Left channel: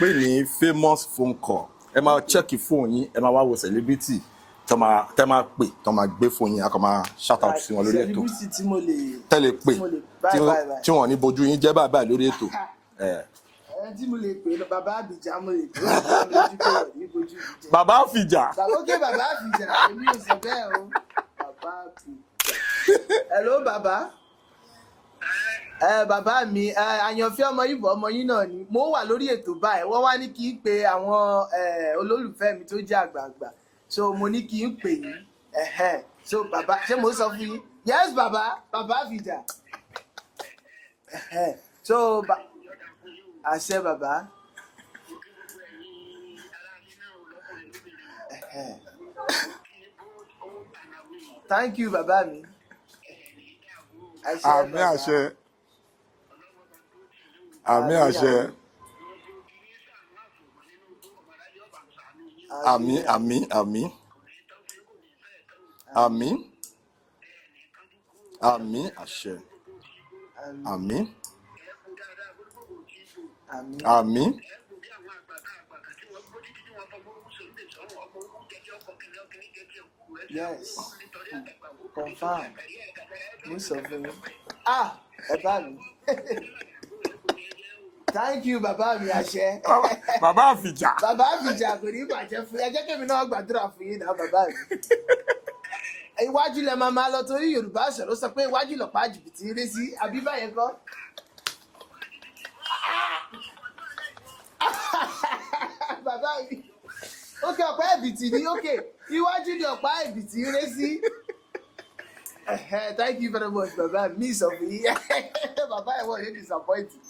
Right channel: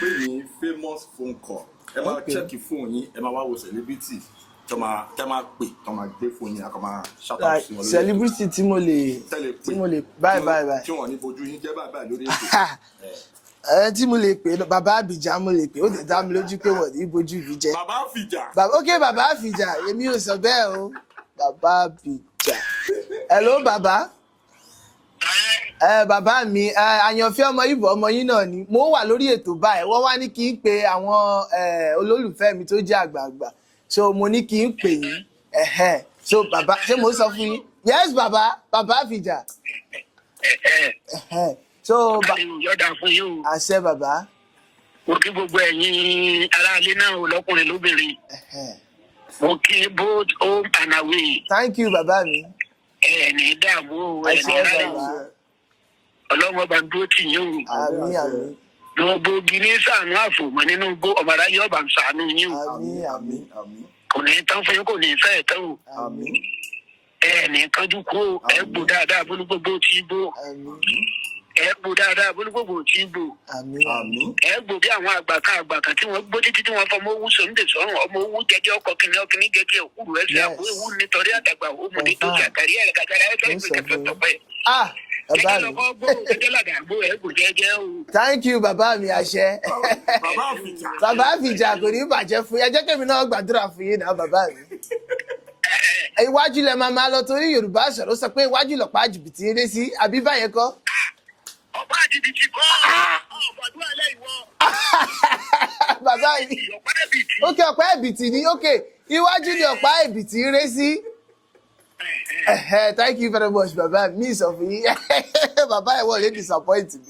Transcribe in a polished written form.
pé ní famous phone call ẹ máa check phone yín ẹ máa wá wo celebrity tẹ́ máa pè tẹ́ máa gbé phone yín a kò máa shout out sí wọn lórí ètò celebrity tí mo lè báyìí tí wọ́n ní bojú yín jẹ́ báyìí lórí ètò. Tí mo lè pè bàbá Abija mo lè pè ó sì dá mi lójú pé wọ́n ní bojú mi jẹ́. Bàbá Abija. Ok bàbá Abija èmi ò sọ bẹ́ẹ̀ o bàbá Abija. Hello bàbá. Bàbá mi Ayanfe Omo Ibo ọmọ yín náà ni mo wà lórí ètò báyìí wọ́n wá ní kí n pe àwọn olólùfẹ́ mi tó jẹ́ àgbààgbà so mo ní kí n pè yín so bàbá ṣé mo sọ fún yín yes bàbá Abija. So yọ̀dà fún yín o. Àṣẹ bàbá. Mo kí gbogbo ẹ̀yin aráalé náà o lọ́kùnrin lóbìnrin. Mo kí both home and away. Thank you bàbá mi. Ẹ̀ẹ̀ni dààmú o ẹ̀ẹ̀ni ráyè. Ọlọ́mọ bá ń dúró tì yín o. Àmín àṣẹ. Gbogbo gini sànú àfòmọ́ nínú gbó ọmọ aráyé ọba ń sànú yín o. Àmín. Kò ní tán fún yín kò ní fẹ́ tán o. Àmín. Ẹ̀ẹ̀ni kánjú kú o. Ẹ gbó dáadáa bólú gbogbo tí gbó. Àmín. Ẹ gbó dáadáa bólú gbogbo tí gbó. Àmín. Ẹ gbó bí àwọn àgbàkan tí wọ́n gbó títí tí wọ́n fọmọ owó sọ̀rọ̀ sọ̀rọ̀ ọmọ owó jẹjẹ ọkọ̀ kìnìún gẹ́gẹ́ òkúrú ẹsẹ̀ àbúrò ewu nítorí àdàgbà òmù ní dókè àkàrí ẹ̀ kàkàrà ẹsẹ̀ ìpínlẹ̀ tọpẹ́. Thank you bàbá mi àṣẹ. Bàbá Abija. Bàbá Abija kò ní bàjẹ́ fún yín ẹ jẹ́ kí èmi náà gbàdúrà fún yín náà bàbá mi. Iwájú lẹ máa lọ torí Yorùbá sọ̀rọ̀ sọ pé iwájú lọ̀pá jìbìtì eré sí àbí báyẹn kọ́. Ọ̀pá jìbìtì kọ́ ọ̀pọ̀dún alẹ́ ìwọ. Bàbá mi ókè ọ̀pá ẹ̀bìtì ni ókè iwájú ni ọ̀pá ẹ̀bìtì eré sí. Thank you very much bàbá mi sọ fún yín bàbá ẹ̀ wọ́n lè disappoint mi.